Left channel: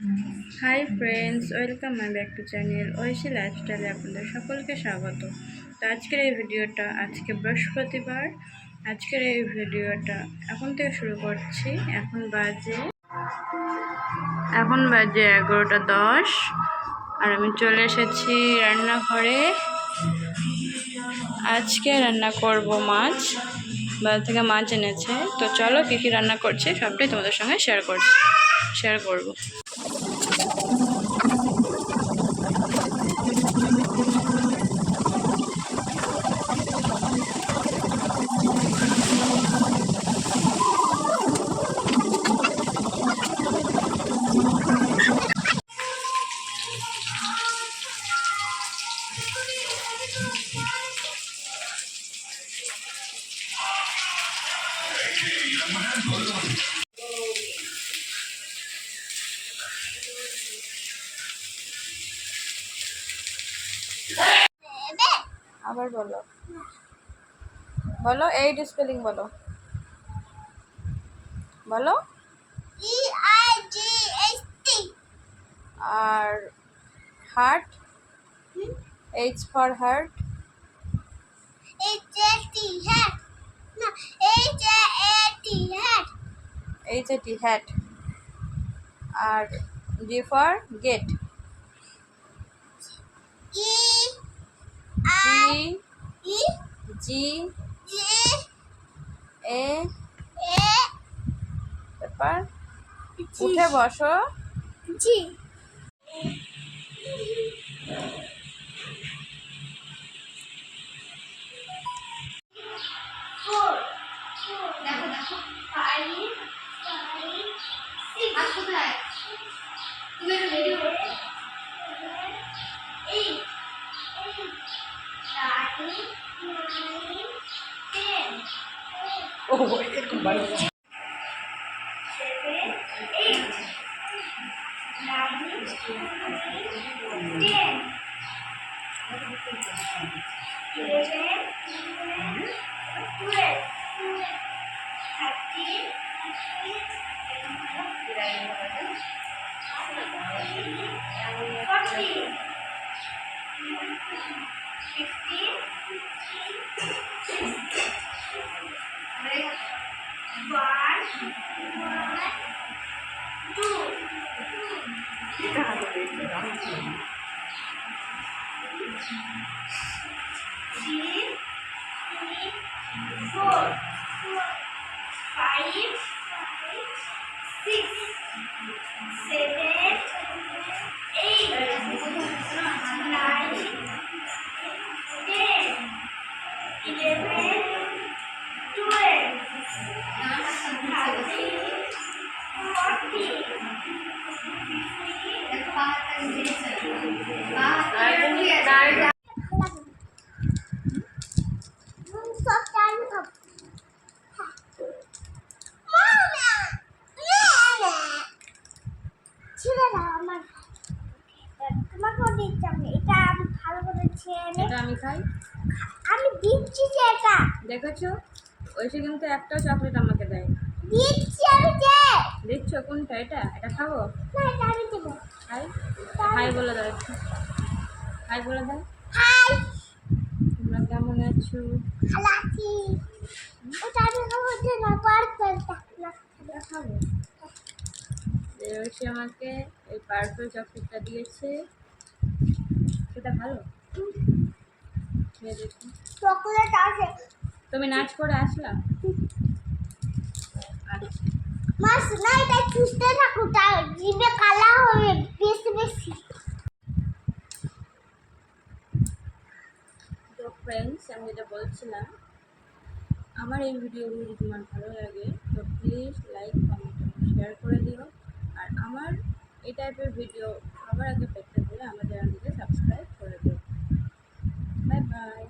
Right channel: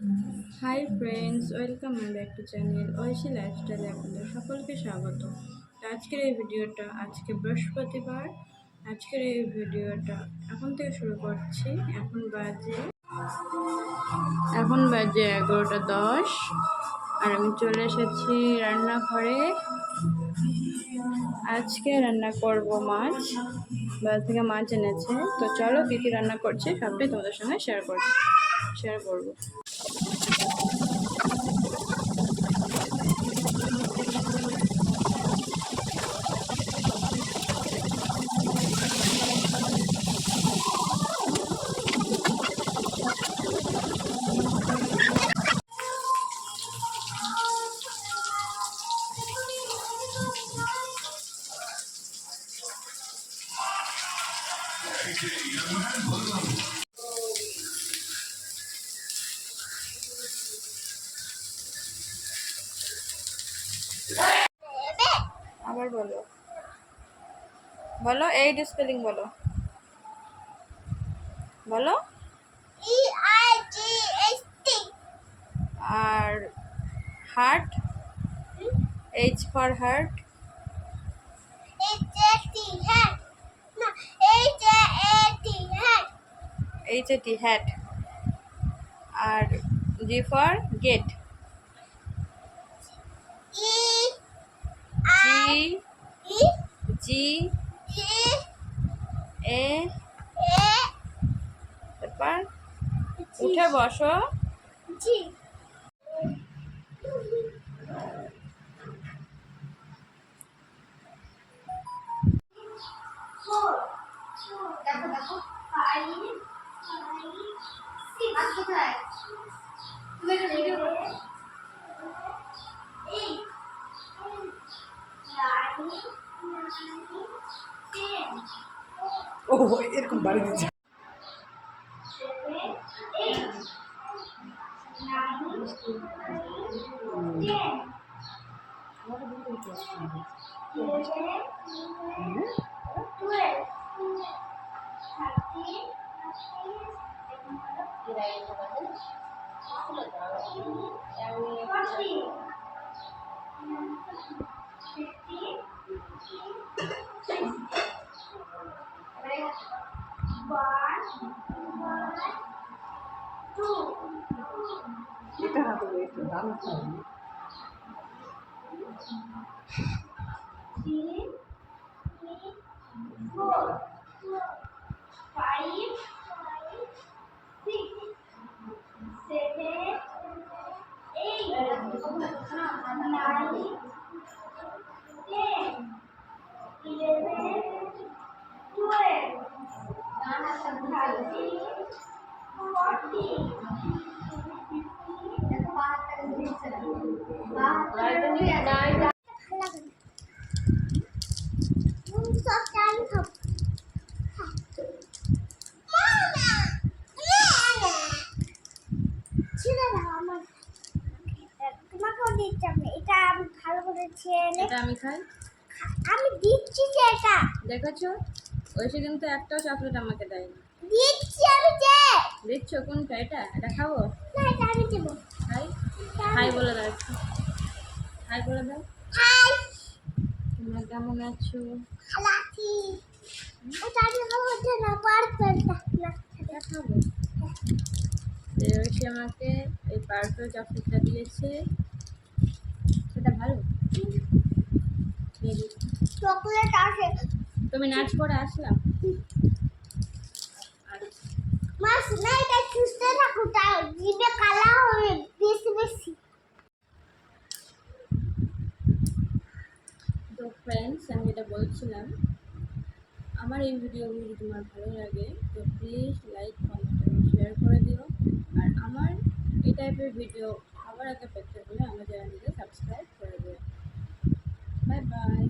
High friends, welcome my back to channel Aishi লাইফস্টাইলে আপনাদের সকলকে স্বাগত। তো আজকের এই ভিডিওটা আজকে বৃহস্পতিবার। আজকের এই ভিডিওটা এখন থেকে শুরু করছি। এখন বাজে 11:10 আর আমি চলে এসেছি রান্নাঘরে। আজকে রান্না করব মাছ। বাজার থেকে মাছ এনেছে। তো চলো কী কী রান্না করছি সবটাই তোমাদের সঙ্গে শেয়ার করব। আবার বলো বলো, এইট স্পেলিং বলো বলো। আর heart, H for heart, H A T hat. আর G for gate, G G A. তারপর উঠে বসো। জি। দেখো দেখো, 5 6 কোথায় তুমি রেডি হো। 8 9 10 ও এরকম বাড়ি দিচ্ছে। 7 8 9 10 11 12 13 এটা আমি খাই, আমি দিচ্ছি যে এটা দেখেছো। ওইসে কিন্তু একটাও চকলেট আমাকে দেয় না। দিচ্ছি আমি যে দিচ্ছ কোনটা? এটা খাবো না, এটা আমি দেব। খাই খাই বলে দাও, একটু খাই বলে দাও। হাই, তোমরা কেমন আছো? ভালো আছি। ওটা আমি খাবো না, পার্পলটা না খাবো। ওইসে আমাকে এই পার্পল চকলেটটা দিয়েছে, সেটা ভালো। চকলেট আছে। তুমি নাচ করে আসলা? মাস না, এটা চুষতে থাকো, তার জিভে কালা হবে বেশি বেশি। তো ফ্রেন্ডস, আমি যেটা বলছিলাম, আমার এই ভিডিওগুলো যদি তোমার ভালো লাগে তো প্লিজ লাইক, কমেন্ট এবং শেয়ার করে দিও। আর আমার এই টাইপের ভিডিও আবার আগে পেতে হলে আমাদের চ্যানেলটিকে সাবস্ক্রাইব করে দিও। Bye bye.